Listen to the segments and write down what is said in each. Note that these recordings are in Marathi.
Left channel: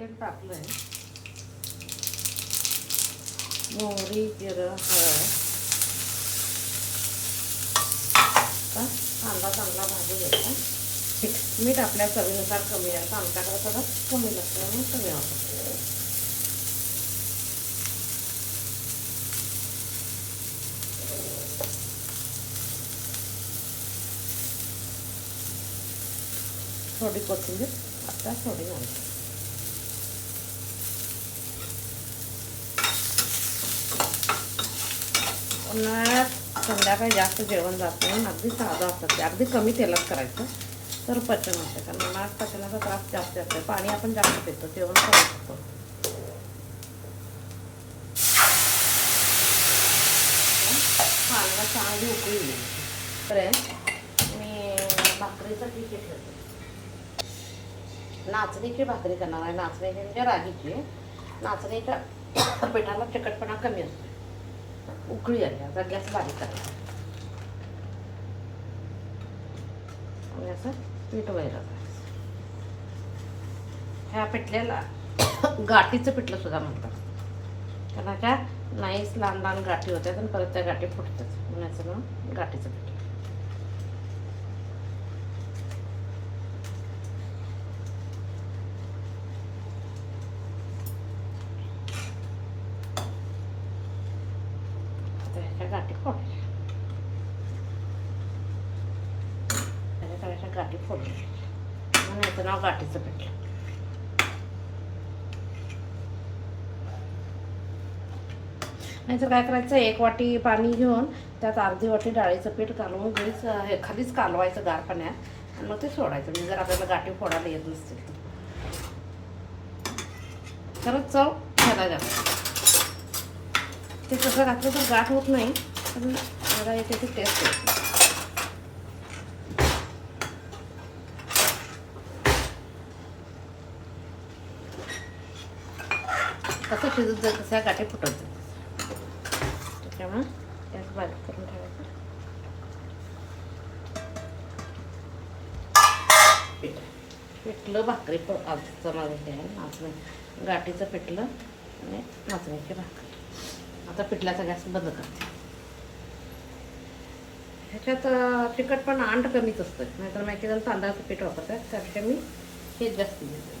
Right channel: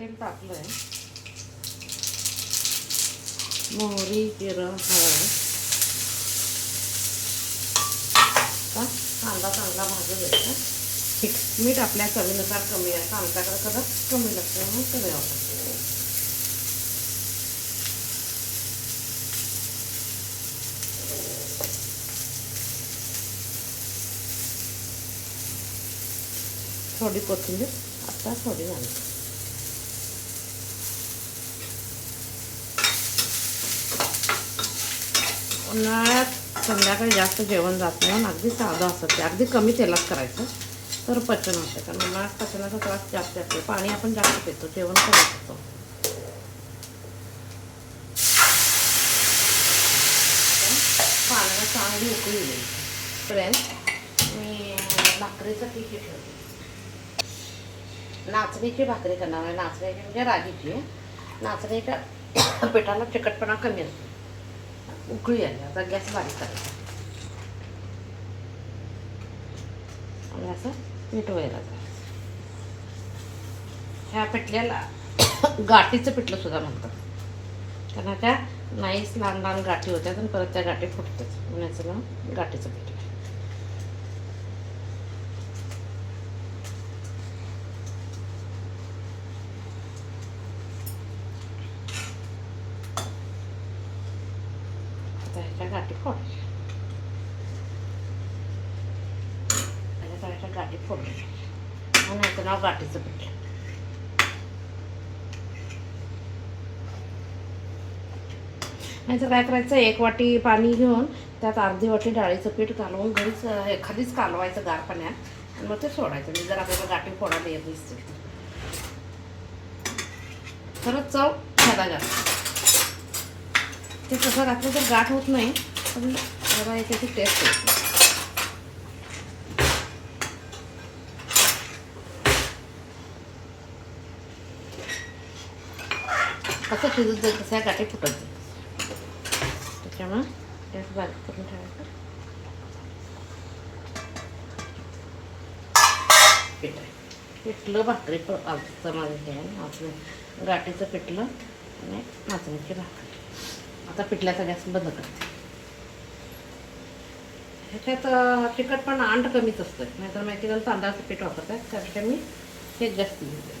तेल टाकलं आहे मोहरी जिरं हळद. का? कांदा चांगला भाजून घ्यायचा. मीठ मीठ आपल्या चवीनुसार कमी असतं आमच्याकडे सगळं कमी लागतं म्हणून सगळं वापरतो थोडी कोथिंबीर आता थोडी घालतो उन्हाळ्यात संध्याकाळी जास्त जेवण जात नाही अगदी साधं असतं ते. अगदी कमी तेलात करायचं तर पचन होतं कारण उन्हाळ्यात पचनाचा त्रास जास्त असतो. पाणी आपण जास्त पितो जेवण करू शकतो. पाण्याला चांगली उकळी येईल पर्यंत मी भाकरीचं पीठ हे ठेवते. नाचणीची भाकरी करणार आहे. नाचण्याची म्हणजे रागीची. नाचणीच्या पिठाला चिकटपणा कमी असतो. उकळी आली. आता गॅस बारीक करायचा. आणि असं पीठ वगैरे ह्या पिठल्याला गाठीचं पिठलं सुद्धा म्हणतात. कारण त्या नाहीच लहान लहान गाठी होत्या आणि परत त्या गाठी फुटतात म्हणून याचं नाव गाठीचं पिठलं आता ह्याच्या गाठी फोडायच्या ह्याच्या गाठी फोडली म्हणून याचं नाव गाठीचं पीठ नाहीतर काय करायचं एक वाटी पाणी घेऊन त्यात अर्धी वाटी डाळीचं पीठ घालून घरीच एखादीच खालीच कालवायचं गार पाण्यात आणि मग ते सोडायचं. म्हणजे जर आपल्याला गाठी फोडायला येत नसते खरंच चव फायदा जास्त ते तसं घातलं तर गाठ होत नाही पण जरा एक त्याची टेस्ट येते. कसं शिजत जाईल तसं या गाठी फुटत जाईल. त्याच्यामुळं त्यात बारीक करून ठेवायचं. पीठ. आहे. पिठलं भाकरी पण आजचं माझं हे आहे नाचणी गाठीचं पिठलं आणि नाचण्याची भाकरी. आता पिठल्या सगळ्यास बंद करते. ह्याच्यात तिखट पण अंड कमीच असतं नाहीतर माहिती तांदळाचं पीठ वापरतात त्यापेक्षा मी हे जास्त घेते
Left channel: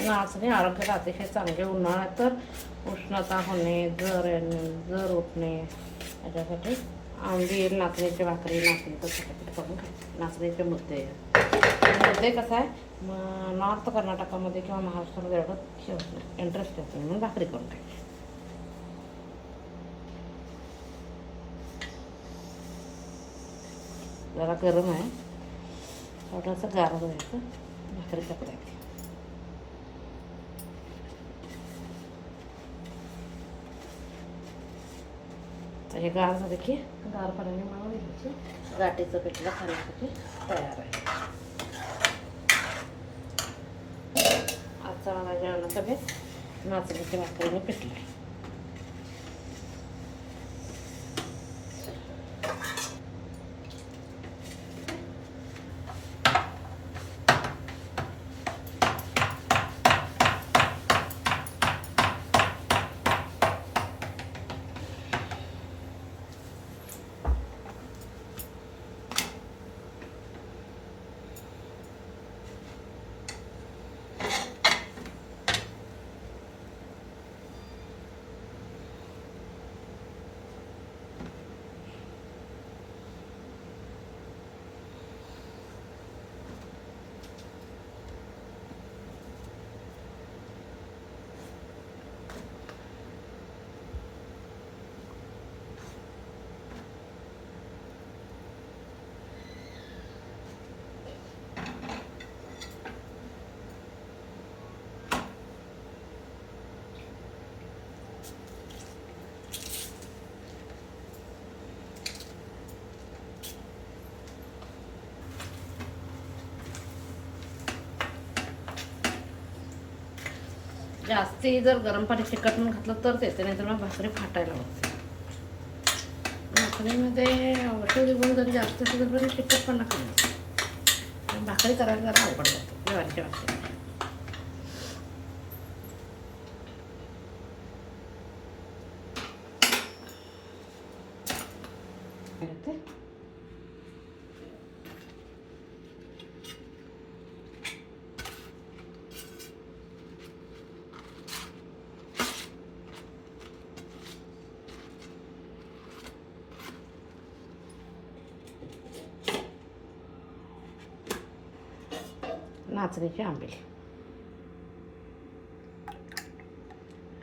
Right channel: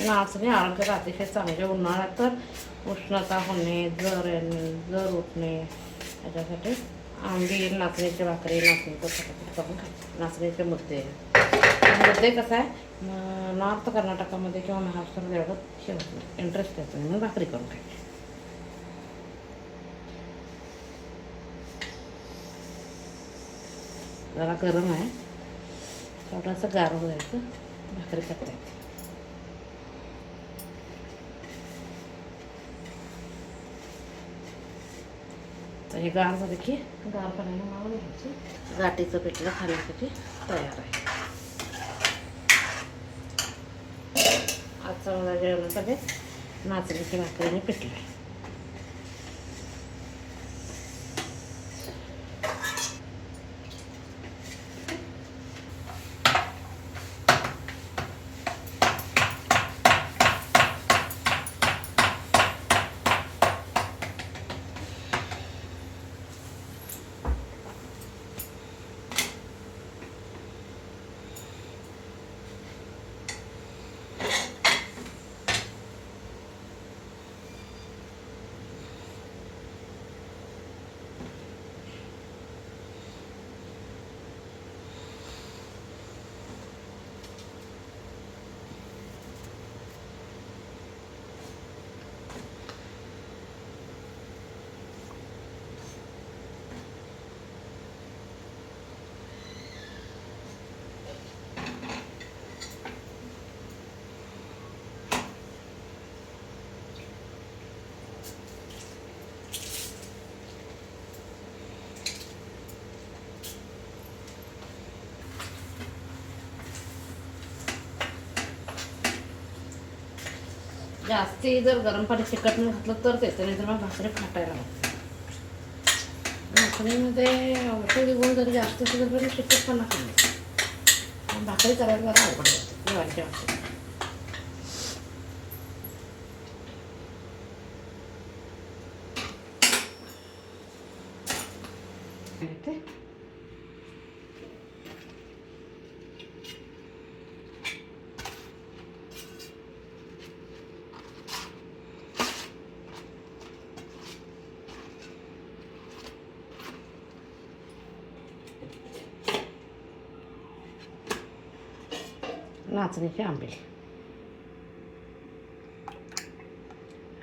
नाचणे आरोग्याला अतिशय चांगले उन्हाळ्यात तर उष्णता होणे जर येणे जर उठणे याच्यासाठी आंबी नाचण्याची भाकरी नाचणीचं करून नाचण्याचे मुद्दे. मुद्दे कसं आहे? नॉर्थ कर्नाटकामध्ये किंवा महाराष्ट्रामध्ये एवढं हे इंटरेस्ट येतो. म्हणून भाकरी करून खायची. जरा गरम आहे. थोडंसं गार द्यायचं. भाकरी करता तर हे गार झालं की गार पाण्याने मावून घ्यायचं. गाठीचं पिठलं खाण्यासाठी तयार आहे. आजचा माझा जेवणाचा बेस नाचणीची भाकरीने पिठली. जास्ती जर गरम पाणी तिखट म्हणून घातलं तर ते नाही तर मग भाकरी फाटायला लागते. भाकरीमध्ये तेल गुण जरी जास्त असेल तरी तिखटपणा कमी भाकरी करायला जरा अवघड जाते ज्वारीच्या वाटते काय ते? नाचणीची आंबील.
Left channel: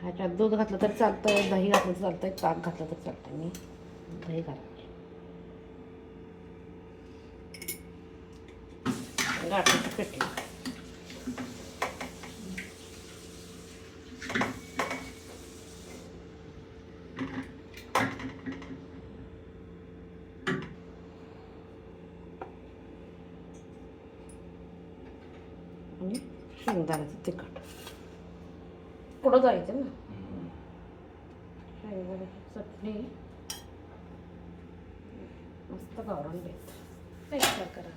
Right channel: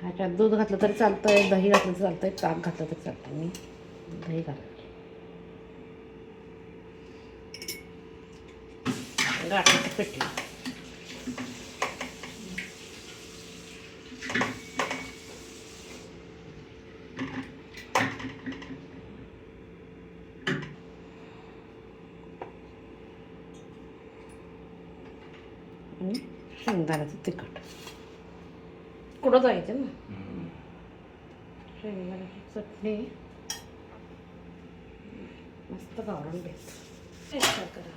ह्याच्यात दूध घातलं तरी चालतंय दही घातलं तरी चालतंय ताक घातलं तरी चालतंय. मी दही घालते गाठीचं पिठलं आणि शेंगदाण्याचं तिखट. कुठं जायचं ना? शेंगदाण्याची चटणी. मस्त भेट टेस्ट करा.